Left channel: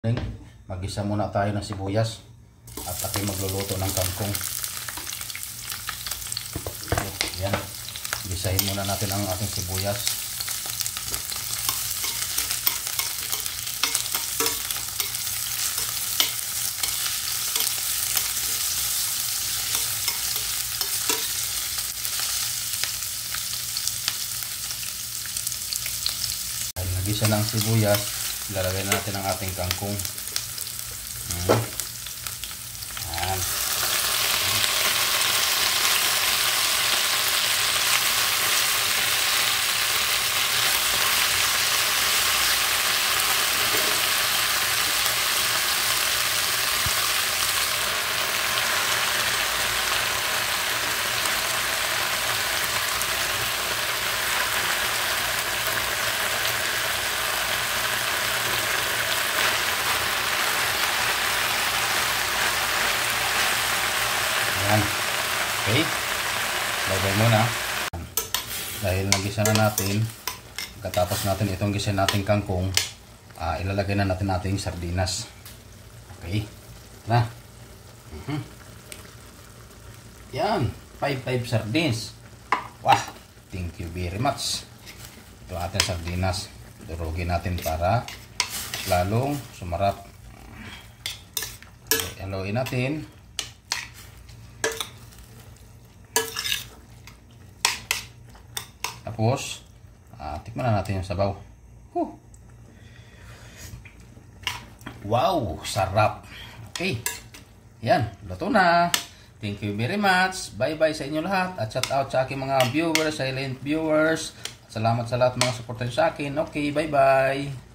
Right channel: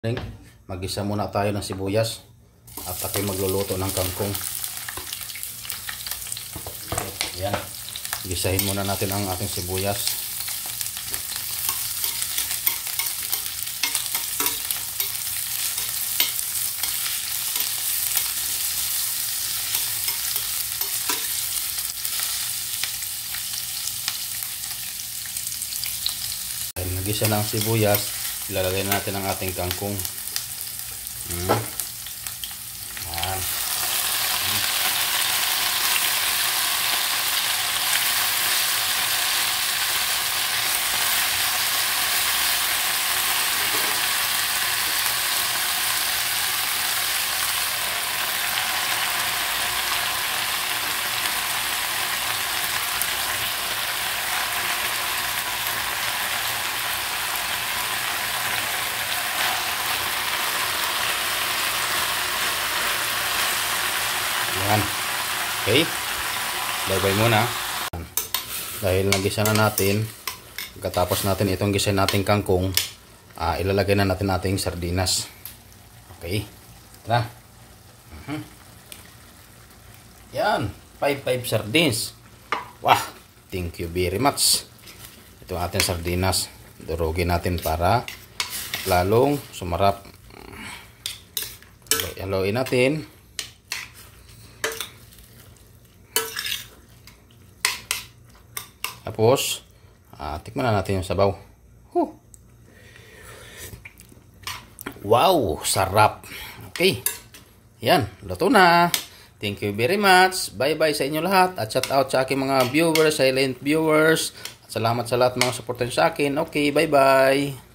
Mag-isa muna tayo ng sibuyas at ako'y magluluto ng kangkong. Yan. Gisahin muna natin ang ating sibuyas. Nagisa na ang sibuyas, ilalagay natin ang ating kangkong. Yan. Okay, bye-bye muna. Dahil nagisa na natin, pagkatapos natin itong gisa nating kangkong, ilalagay na natin ating sardinas. Okay, tara. Yan, 5 sardines. Wah, thank you very much. Ito ang ating sardinas. Durugin natin para lalong sumarap. Haluin natin. Tapos, tikman na natin yung sabaw. Wow, sarap. Okay. Yan, luto na. Thank you very much. Bye-bye sa inyo lahat. At shout out sa aking mga viewers, silent viewers. Salamat sa lahat mga supporter sa akin. Okay, bye-bye.